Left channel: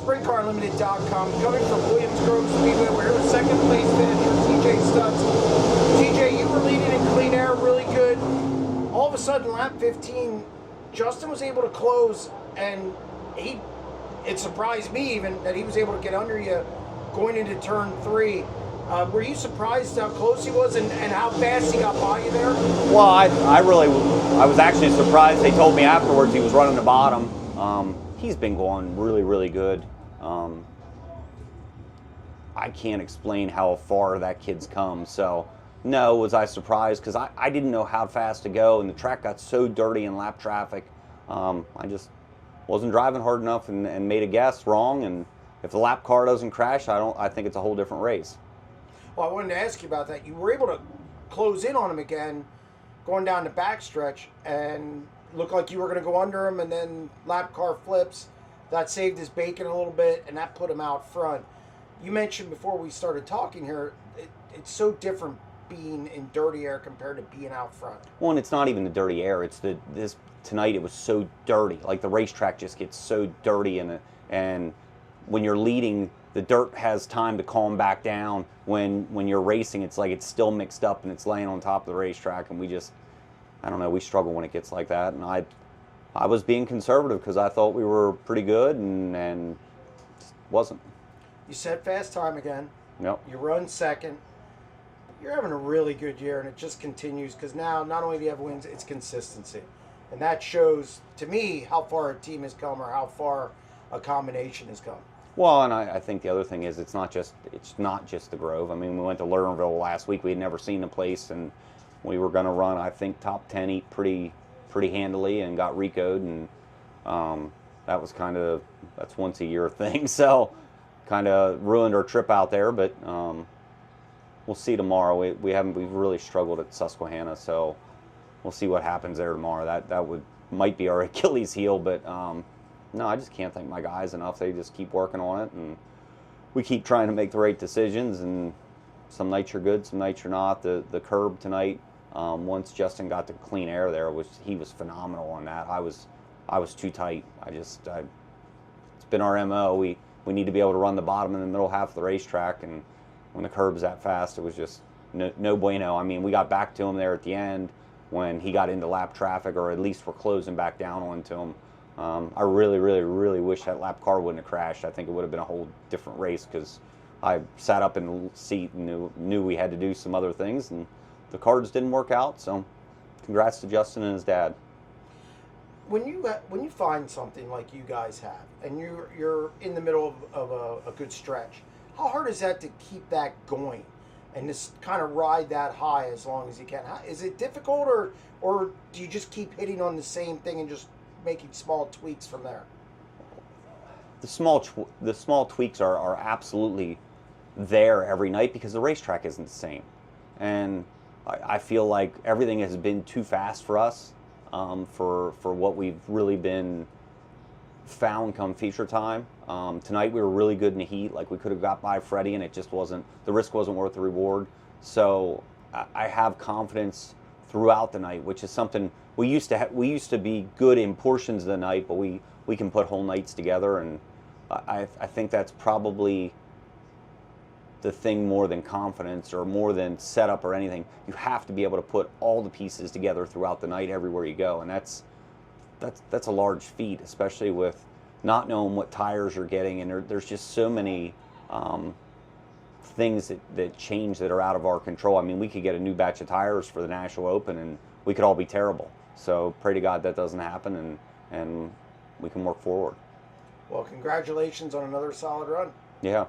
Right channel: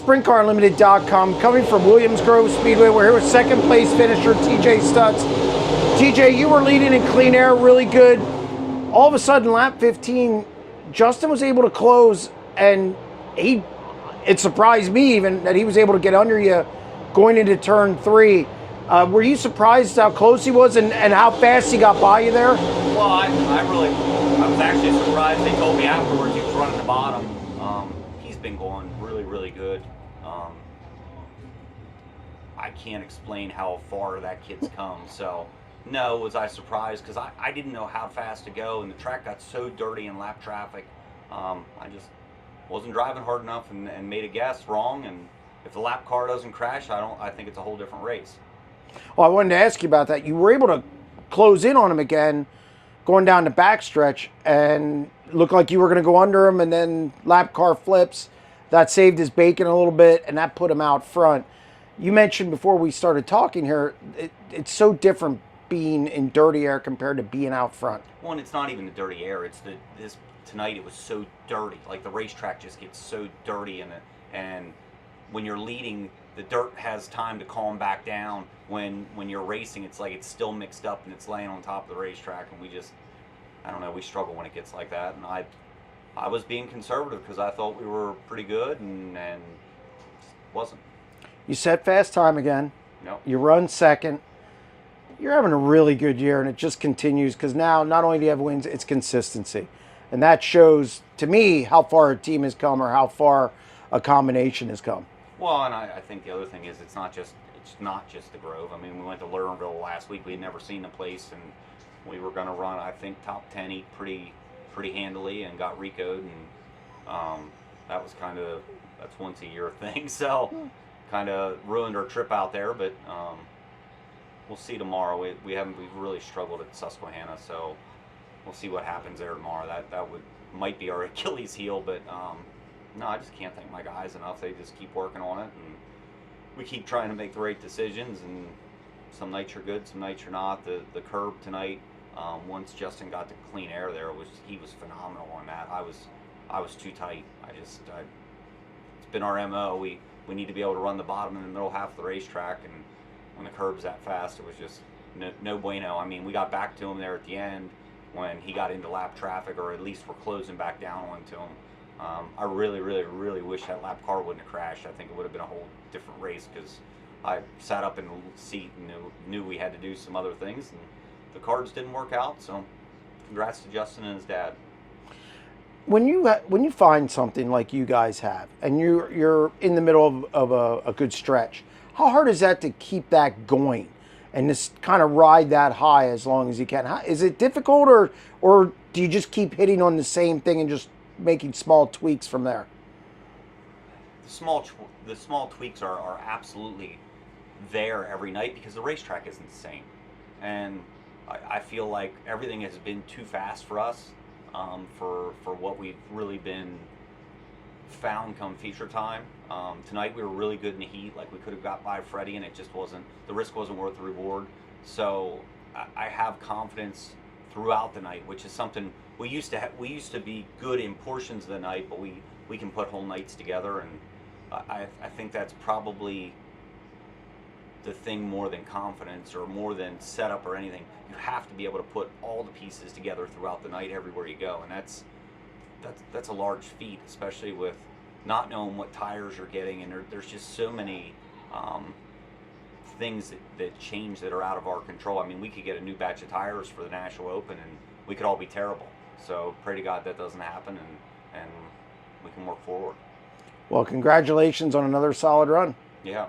SprintCarUnlimited.com, coming from Williams Grove Speedway. We're here with second place finisher TJ Stutts. TJ, you were leading in clean air really good. All of a sudden, lap 15, Justin was able to close, and it surprised me even that he was able to get under you going into turn 3. Were you surprised how close he was and how fast he got by you there? Well, I was actually surprised. They told me afterwards he was running the bottom. He's been going really, really good. I can't explain how far that kid's come. So, no, was I surprised? Because I didn't know how fast to go, and the track got so dirty in lap traffic. I just wasn't driving hard enough and made a guess wrong. And if the lap car doesn't crash, I think it's a whole different race. Well, I wanted to ask you about that. You were able to close in on him again, going down the backstretch, and looked like you were going to go under him, and then lap car flips. That saved his bacon a little bit, and that put him out front. You mentioned before we started talking here, it's so different being in dirty air compared to being out front. Well, and it's not even the dirty air. It's tonight it was so dirty. Like the racetrack just gets so dirty, and when you're leading, the dirt has time to calm back down. When you're racing, it's like it's still mixed up and it's laying on top of the racetrack, and I don't know, we struggle when it gets like that. And I was being conservative because I thought we were pretty good, and wasn't. You set fast time again. Yep. You run second. You're having a really good year, and it just continues because now not only do you have wins, it's consistency. And that shows, to me, how far a team has come or how far a combination has come. Well, and I think the other thing is it's not just the Grove. I mean, we went to Lernerville last week. We had never seen the place, and we were going to run, I think, top 10 pretty handily, and got Rico'd, and that was that's once a year thing. So kind of ruined our trip out there, but we'll see tomorrow. We've really struggled at Susquehanna, so we'll see what happens there tomorrow. That might be our Achilles heel, but no, I just can't thank my guys enough. They just keep working on it, and we keep trying to make the right decisions, and some nights you're good, some nights you're not. The curb tonight, once Justin got to clean air there, he was phenomenal on that. I was too tight. It's been our MO. We need to be able to run the bottom in the middle half of the racetrack, and when the curb's that fast, it was just no bueno. I mean, we got back to him there at the end when he got into lap traffic, or at least we're closing back down onto him. I really, really, really wish that lap car wouldn't have crashed. I think it would have been a whole different race, because I sat up in the seat and knew we had to do some other things, and the car just didn't work out. So congrats to Justin and his dad. When you find something like you guys have, and you're in the middle of a good stretch, how hard is that to keep that going and just kind of ride that high as long as you can? Is it difficult, or do you just keep hitting on the same thing and just making small tweaks from there? The small tweaks are absolutely there every night, because the racetrack isn't the same, and I feel like everything has been too fast for us. For what we've really been found come feature time. Tonight we were really good in the heat. Like, we could have got by Freddie, and it just wasn't, the risk wasn't worth the reward. So I have confidence throughout the night, which is something we used to be good in portions of the night, but we can put whole nights together, and I think that's probably the thing more than confidence or more than setup or anything. You have to be able to put all the pieces together throughout the night everywhere you go, and that's a large feat, especially with not knowing what tires you're getting, and there's just so many things that change that are out of our control. I mean, we could get a new batch of tires for the National Open and we could all be terrible. So pray to God that doesn't happen, and we can work forward. Well, congratulations on another solid run. Yeah.